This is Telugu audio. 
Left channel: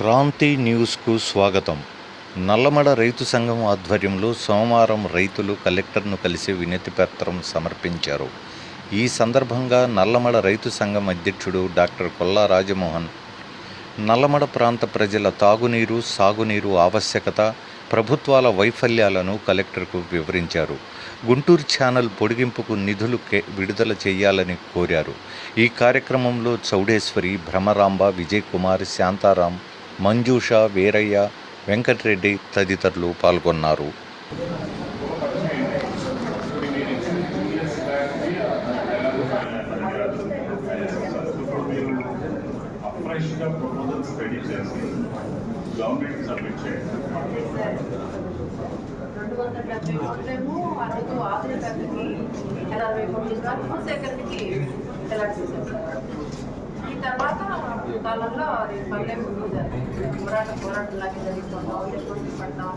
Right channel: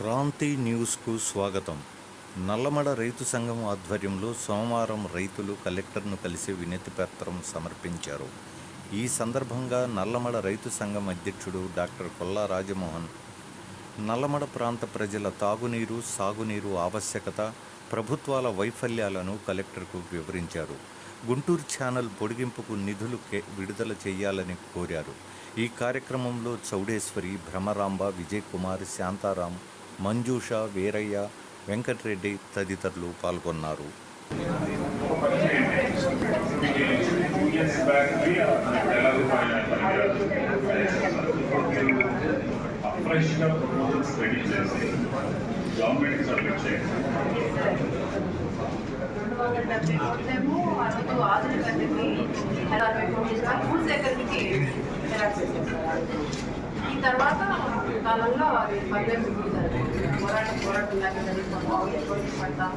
క్రాంతి న్యూస్కు స్వాగతం. నల్లమడ రైతు సంఘం ఆధ్వర్యంలో సోమవారం రైతులు కలెక్టర్ను కలిసి వినతి పత్రం సమర్పించారు. ఈ సందర్భంగా నల్లమడ రైతు సంఘం అధ్యక్షుడు డాక్టర్ కొల్లా రాజమోహన్ నల్లమడ ప్రాంత ప్రజల తాగునీరు, సాగునీరు ఆవశ్యకత, ప్రభుత్వాల వైఫల్యాలను కలెక్టర్కు వివరించారు. గుంటూరు ఛానల్ పొడిగింపుకు నిధులు విడుదల చేయాలని కోరారు. ఈ కార్యక్రమంలో చౌడేశ్వరి, భ్రమరాంబ, విజయ్ కుమార్, శాంతారాం, మంజూష, వీరయ్య, వెంకటరెడ్డి తదితరులు పాల్గొన్నారు. ఈ తర్వాత కాలంలో అది పల్లె పోరాటం లాగా జరిగిపోతాం.